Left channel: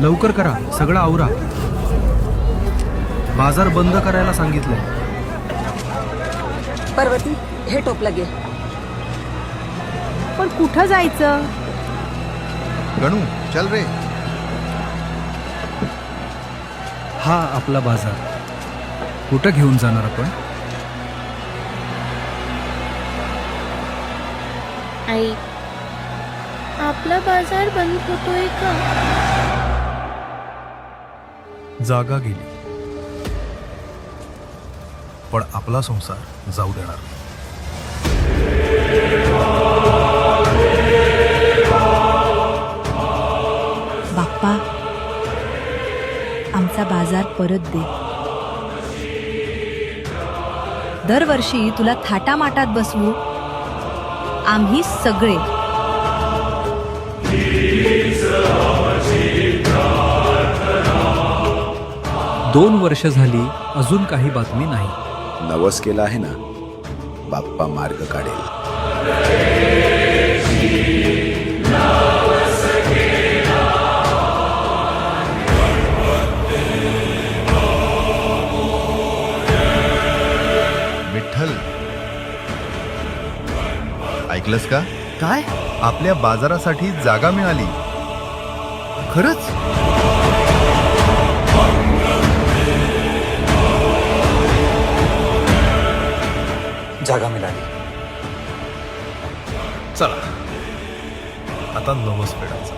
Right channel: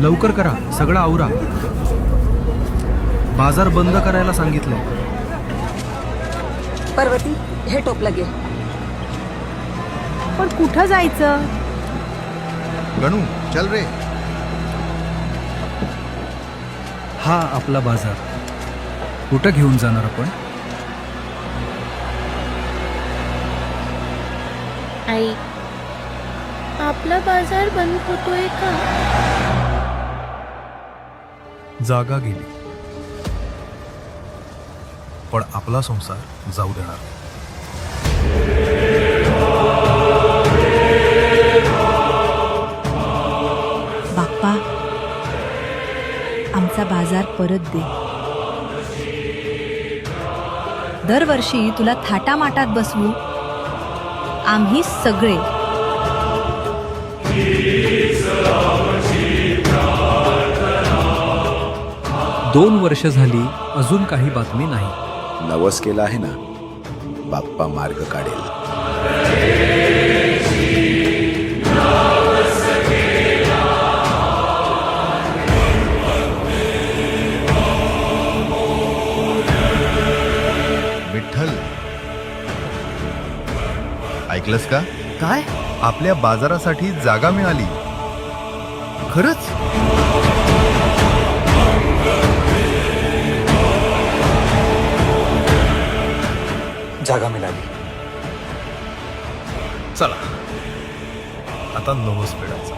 लवकर करा, सगळं आवरा. बाजार बंद करायला सांगितलंय. पर्वती, हे टोपलं घे. पण कुठं जायचं? गणू चल रे. हा आपला बाजार. कुठं घेऊन जाणार आपण? आई, आपला बाजार बंद होतोय का? जागा गेली, पण आपला संसार जाऊ देणार नाही. बाप्पा, आमचा बाजार परत दे. दरवर्षी तुला थाटामाटात बसवू आम्ही सगळे. दोन वर्ष झाली, अजून काही बातमी नाही. नवस केला आहे ना, बाप्पा मार्ग काढेल. विठ्ठल, ऐकलंस का? काय? आपल्या बाजारासाठी जागा मिळाली. खरंच? जागा मिळाली. चला, आता नवस फेडायचा.